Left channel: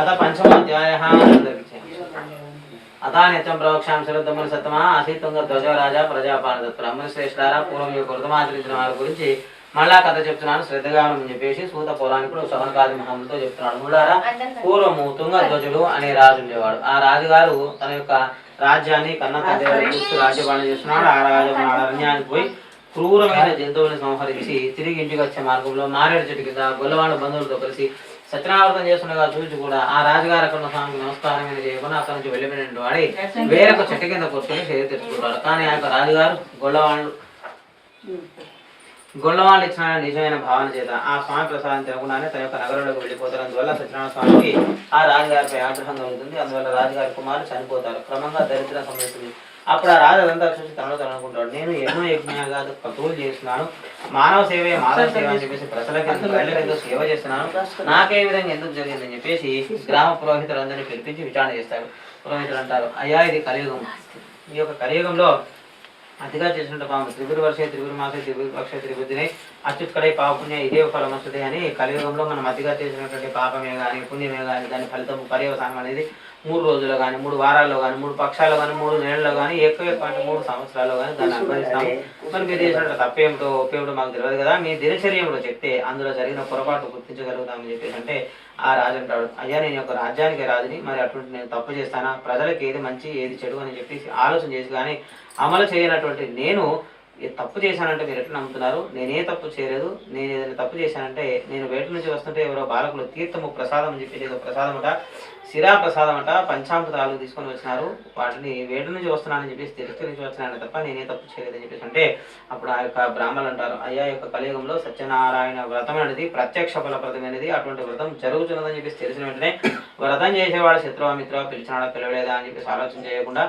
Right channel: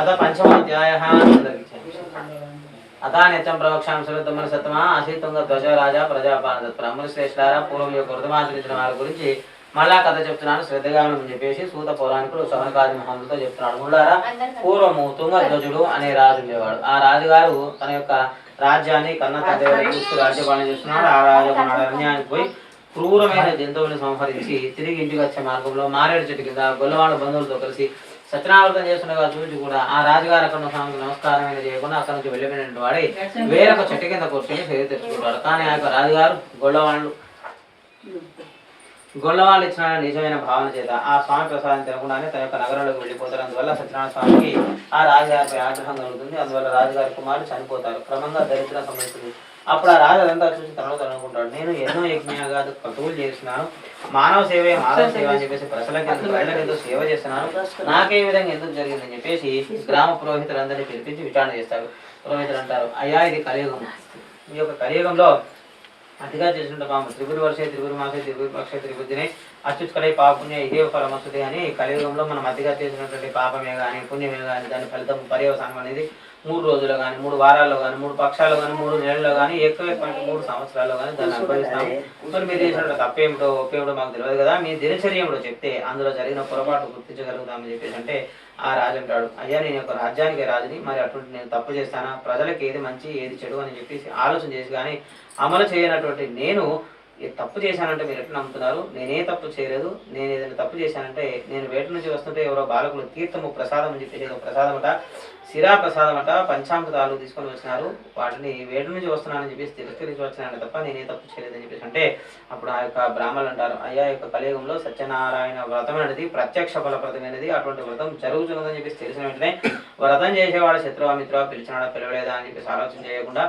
అత పంచమోధ్యాయః అతానిత్యం ప్రవక్ష్యాం శరద్దమన సత్తమ అసీతుంగ ధ్వజ రాజా ప్రజాపాలన బ్రహ్మణ శ్రేష్ఠారా పూర్వం యొక్క వృతమాచరించిన వారి గురించి మళ్ళా కథ చెప్తున్నాను శ్రద్ధగా అని చెప్పేసి సూత పౌరాణికుడు సహనకాది మహాములతో చెప్తున్నాడు. ముళ్ళారా పూర్వము తుంగధ్వజుడు అనే రాజు ఉండేవాడు. ఆ రాజుగారు తన యొక్క రాజ్యాన్ని కన్న తండ్రి చూస్తూ రాజ్యపాలన చేస్తున్నాడు. ఆ రాజు అరణ్యానికి పోయి క్రూరమైన జంతువులను సంహరించి తిరిగి ఇంటికి వచ్చే మార్గంలో మారేడు చెట్టు కింద గొల్లవాళ్ళ బంధువులతో కలిసి సత్యనావృతం చేస్తుండగా చూసి కూడా ఆ రాజుగారు అక్కడ స్వామికి నమస్కారం చేయకుండా అక్కడ నుంచి వెళ్ళిపోయినటువంటి వాడి వేరొక చెట్టు కింద కూర్చొని సేవ తెచ్చుకుంటాడు. కానీ ఆ యొక్క రాజుగారు గొల్లవాళ్ళు ఇచ్చిన నిజమైన భావన చేత ఆ స్వామి ప్రసాదం తినకుండానే తన యొక్క నగరంలోకి వెళ్ళిపోతారు. అందువల్ల సత్యనారాయణ స్వామికి ఆ రాజుగారిపై ఆగ్రహం కలుగుతుంది. అందువల్ల రాజుగారి కుమారులు చనిపోతారు. క్రమంగా దరిద్రం సంభవిస్తుంది. అప్పుడు ఆ రాజు అదంతా చూసి తనలో అనుకుంటాడు, నేను ఎన్నో యజ్ఞాలుగా పతువులు చేస్తున్నాను, మానవ సేవే మానవ సేవ అని చెప్పేసి ప్రజలకి ఎందుకు సేవ చేస్తున్నాను, నాకే విధంగా ఎందుకు జరిగిందని చెప్పేసి గ్రామ పురోహితులందరినీ పిలిపించి విచారణ చేస్తారు. పురోహితులు అంటారు, అయ్యా ఇది కలియుగం. ఈ యొక్క కలియుగంలో అతిగా చేసినట్టు పాము త్రిగురు వర్షే త్రిగురు మాసే త్రిగురు పక్షే త్రిబుద్ధిని అచ్యుత్కడే పాపుణ్య ఇదే ఫలం వస్తుంది అని కలియుగంలో మనం అతిగా చేసినటువంటి పాపమే కానీ పుణ్యమే కానీ దాని ఫలితం పర్యవసానం అనేది 3 రోజుల్లో కానీ 3 వారాల్లో కానీ 3 పక్షాల్లో కానీ 3 నెలల్లో కానీ ఎక్కువ 3 సంవత్సరాల్లో కానీ దాన్ని అనుభవిస్తాము. మరి మీరు చేసినట్టు తప్పేమిటో ఒప్పేమిటో మాకు తెలియదు కదా, మీ దినచర్య ఏమిటో చెప్తే అందులో జరిగిన పొరపాటు గుర్తించగలుగుతామని చెప్పేసి అంటే ఆ రాజు అంటాడు, అయ్యా నేను ఒక రాజ్యానికి రాజుని, మరి అటువంటి నేను తప్పు చేస్తానా, ప్రజలకు ఏది మంచి ఏది చెడు అని చెప్పేసి ఆలోచన చేసి కానీ అమలు చేయనటువంటి నేను తప్పు చేశానంటే మీరు ఎట్లా నమ్ముతున్నారు? నేనే తప్పు చేయలేదు. నేను ఏదైనా తప్పు చేశానంటే నేను వేట నుంచి వస్తుంటే ఎవరో బాలకులు తీర్థము ప్రసాదం అని చెప్పేసి ఏదో ప్రసాదమట, శిరా ప్రసాదమట, పంచామృతాలు తీసుకొని వచ్చినారు, వాటిని వేట నుంచి వస్తున్నానని చెప్పేసి తిరస్కరించి వచ్చినాను తప్ప నేనే తప్పు చేయలేదని చెప్పేసి అంటే అప్పుడు ఆ యొక్క బ్రాహ్మణులు అంటారు, అయ్యా యొక్క కలియుగంలో సత్యనారాయణ వ్రతం అనేది ప్రత్యక్ష ఫలప్రదం అనేది అటువంటి వ్రతం జరుగుతున్నదని చెప్పేసి తెలిసిన వెంటనే వ్రతం చేసేవాడు శత్రువా మిత్రువా పిలిచినాడా పిలవలేదా అని చెప్పేసి ఆలోచన చేయకుండా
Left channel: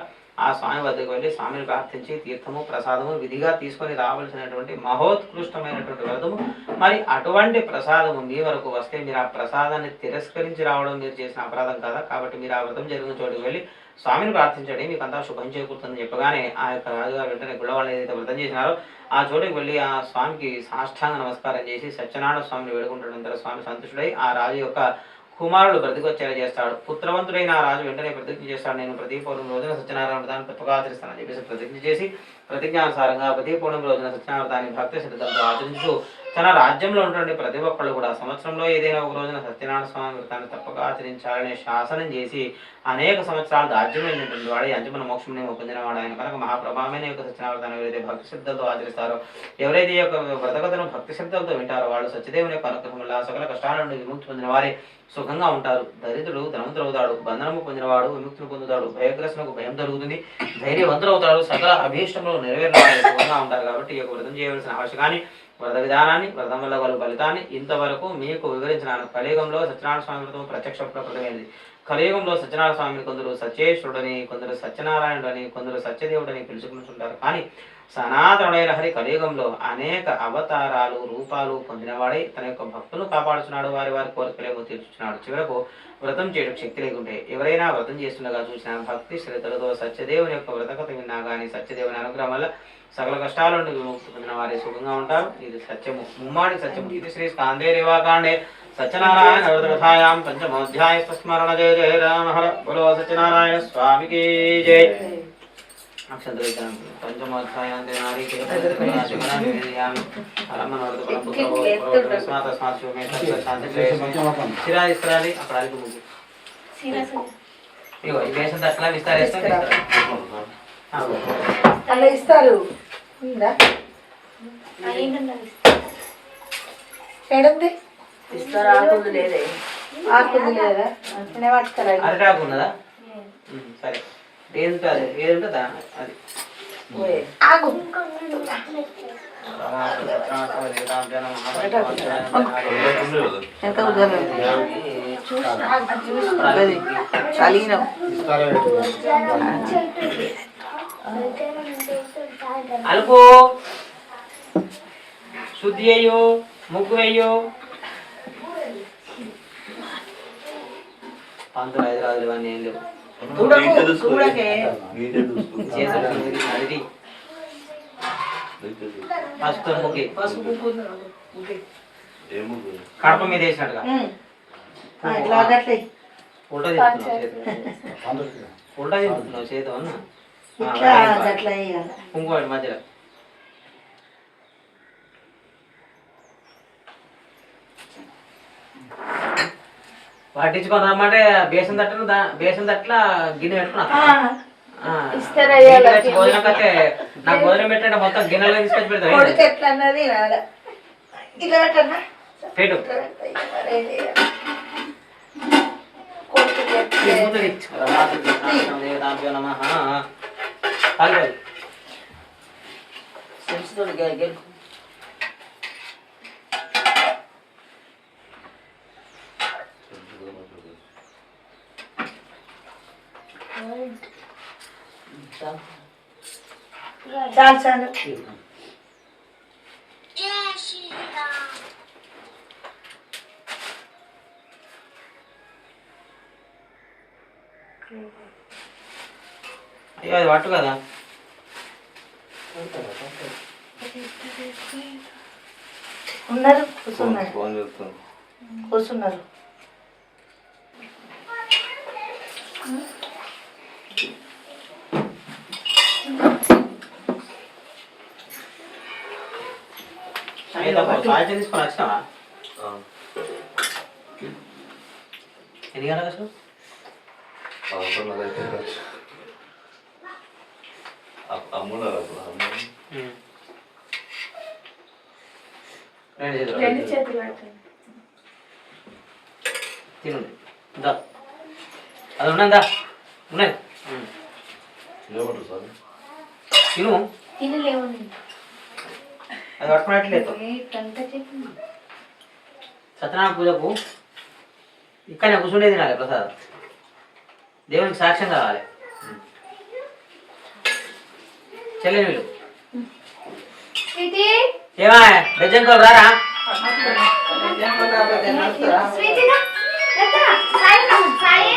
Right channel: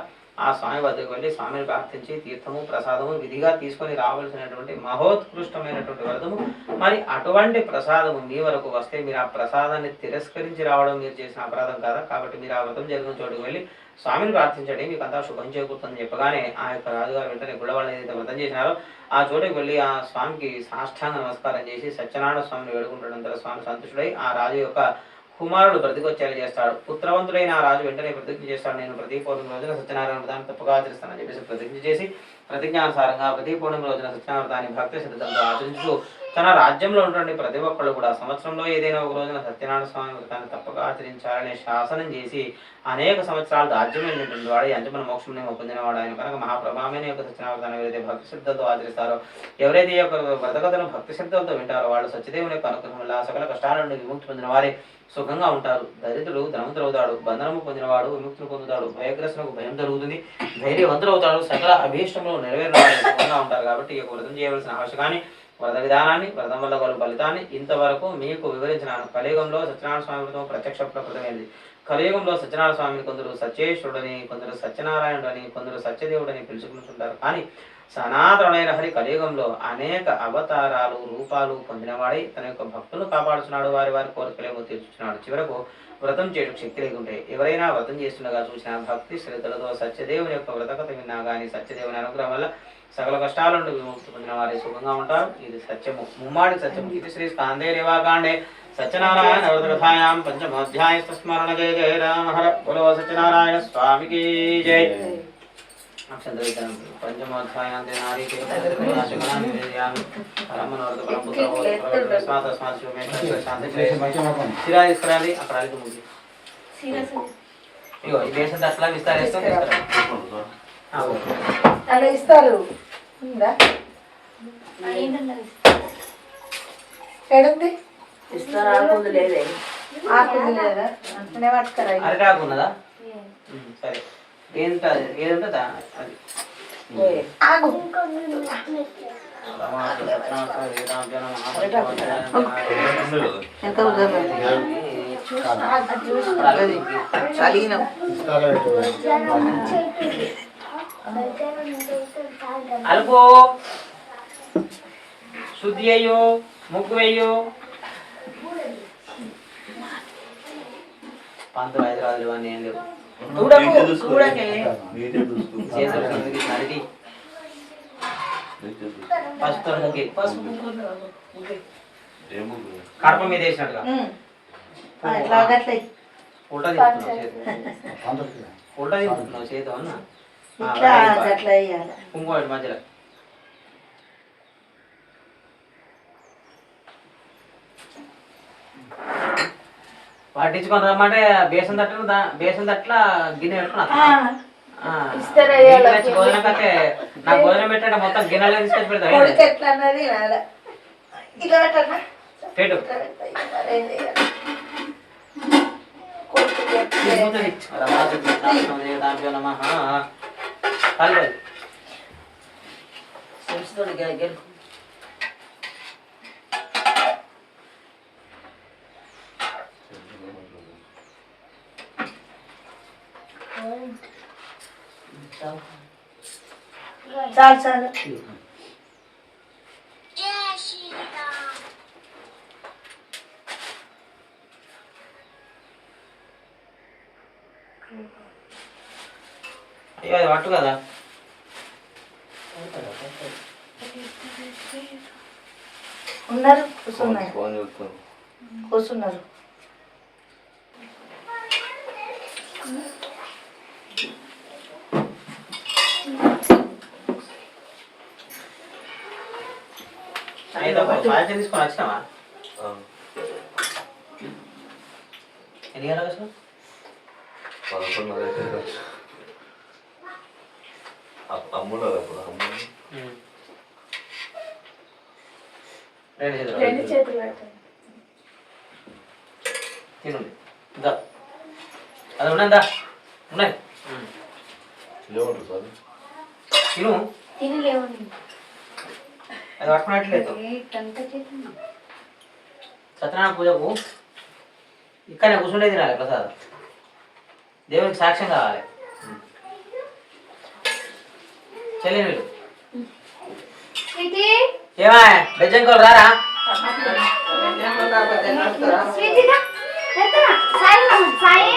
ఆ స్వామి వద్దకు వెళ్ళి స్వామిని ప్రార్థించి తీర్థము ప్రసాదము విధిగా తీసుకొని రావాల్సినటువంటి మహోత్కృష్టమైనటువంటి వ్రతము, మరి అటువంటి ప్రసాదము మీ వరకు వస్తే మీరు ఆ ప్రసాదాన్ని తిరస్కరించి రావడం మీరు చేసిన అపరాధం కాదా, కాబట్టి మీరు ఆ వ్రతం జరిగిన చోటుకు వెళ్ళి స్వామిని ప్రార్థించండి, మీకు అంతా శుభం చేకూరుతుందని చెప్పగానే ఆ యొక్క రాజుగారు వెంటనే గుళ్ళవాళ్ళు ఏదైతే వ్రతం చేసినారో ఆ చోటుకు వెళ్ళి ఆ స్వామికి సాష్టాంగ నమస్కారం చేసి సత్యనారాయణ స్వామిని వేడుకుంటాడంతా స్వామి సంతుష్టుడై ఆ రాజు యొక్క కుమారుడు బ్రతికొచ్చేలా చేస్తాడు. పుత్రవంతుడైన ఆ రాజు వెంటనే ప్రతిజ్ఞ చేస్తాడు, నేను ప్రతి పౌర్ణమి రోజున సత్యనారాయణ వ్రతాన్ని తప్పగా ఆచరిస్తానని చెప్పేసి ప్రతిజ్ఞ చేసి ప్రతిజ్ఞానుసారంగా ప్రతి పౌర్ణమి రోజున సత్యనారాయణ వ్రతాన్ని భక్తి శ్రద్ధలతో ఆచరించు తన రాజ్యంలో ఉన్నటువంటి ప్రతి ఒక్కళ్ళు కూడా సంవత్సరంలో ఏదైనా ఒక రోజున సత్యనారాయణ స్వామి వ్రతాన్ని తప్పక ఆచరించాలని శాసనం చేసి అనేక సంవత్సరాలు రాజ్యం వెళ్ళినటువంటి వాడు అంతిమ మోక్షం పొందినవాడు ఆయన కనుక మహాప్రభావమైన యొక్క సత్యనారాయణ వ్రతాన్ని ఎవరైతే భక్తి శ్రద్ధలతో ఆచరిస్తారో, ఎవరైతే ఈ యొక్క వ్రతకథను భక్తి శ్రద్ధలతో వింటారో వాళ్ళు సత్యదేవుని యొక్క అనుగ్రహం వల్ల సకల కష్టాల నుండి విముక్తి పొందిన వారే సుఖంగా ఉంటారు. దరిద్రుడు ధనవంతుడవుతాడు, బంధనము పొందినవాడు విముక్తిని పొందుతాడు, భయగ్రస్తులకు భయం జరుగుతుంది, ధైర్యవంతుడవుతాడు, సకల అభీష్టములు నెరవేరిన సుఖంగా ఉంటారు. కాబట్టి ఈ యొక్క వ్రతం చేయవలసిన ఆవశ్యకాన్ని వ్రత విధానాన్ని వ్రతం వల్ల వాళ్ళ ఫలితాన్ని ఇంతవరకు మీకు వివరించినాను. కలియుగంలో సత్యనారాయణ స్వామి వ్రతం ప్రత్యక్ష ప్రకృతమైనది. కలియుగంలో సత్యనారాయణ స్వామిని కొందరు సత్యేశ్వరుడని, కొందరు సత్యనారాయణుడని, కొందరు సత్యదేవుడని పిలుచుకుంటుంటారు. కానీ సనాతనుడైన హరి కలియుగంలో అనేక అవతారాలు రూపాలు పొందినవాడై తన యొక్క భక్తులు కాపాడుచున్నాడు, వారి వారి కోరికలేమో తీర్చుచున్నాడు. చివరకు వ్రతం చేయడం శక్తి లేకుంటే ఎవరైనా వ్రతం చేస్తుండగా చూసిన భక్తి శ్రద్ధలతో సత్యదేవుని యొక్క వ్రతకథ విన్నా కానీ సత్యదేవుని అనుగ్రహం వల్ల సకల కష్టాల నుండి విముక్తి పొందిన వారి సుఖంగా ఉంటారు. ఇది సత్యము, ముమ్మాడి సత్యము. ఇది శ్రీ స్కాందే రేవాకాండే సత్యనారాయణ వ్రతకథాయాం పంచమోధ్యాయ స్మరణ జయ జయ రామ హర బలో సత్యనారాయణ స్వామికి జయ. పంచమోధ్యాయాంతే శిరా ఇస్తారాలి అక్కడ అడిగి ముందు ఇగో ఈ వేసం అట్లా అలా ఇస్తారు. ఎడుంది ఆకుంది లేదా అంటే పట్టుకరా అరిటాకు ఉన్నదా? సరే ఏది ఉంటుందా అది ఆగు అలుపు శుద్ధి అయ్యో ముగ్గు అయ్యో పంతులు హైదరాబాద్ ఇవన్నీ ఏం లేవు. పసుపు ముగ్గి కడప మీద వేసినట్టుగా ఉల్టా చెప్తున్నావు చేతి ఉల్టా చెప్తున్నావు చేతి అన్న ఇట్లా అట్లా వేయాలి. కుంకుమ మధ్యలో పట్టించుకొని రమ్మంటే బేసన్ తట్ల గిన్నె పెట్టుకున్నా ఇస్తారా భోజనం కట్టే నాకు భోజనం పెట్టంటే మొత్తం గిన్నెలో తీసుకొచ్చి పెడతా కొడుకు ఎట్లా అన్నది నాదా ఇలా పెట్టన్నా పెట్టు దాంట్లో నమః కాలి చాలు చాలు అయ్యో అది పట్టు కదా ఉన్నారు కూర్చున్నారు కూర్చున్నారు సాయంత్రం తీసుకొని వచ్చినావా ఎన్ని గంటలకు వచ్చినావు 11:30 అమ్మున్నారు అప్పుడు రెండు చేతులు పెట్టండి తినండి దా అది ఉన్నదా ఉన్నది ఏమంటారు సార్ తిను తినలేవు అది పట్టుకున్నట్లేదు సత్యనారాయణ పూజకు ఇక్కడనే కూర్చుండే తినాలి ప్రసాదం దేవునికి సాక్ష్యం కావాలి చెల్లిని వీళ్ళు ఏమా బెజ్జంకోలు రారా సాయి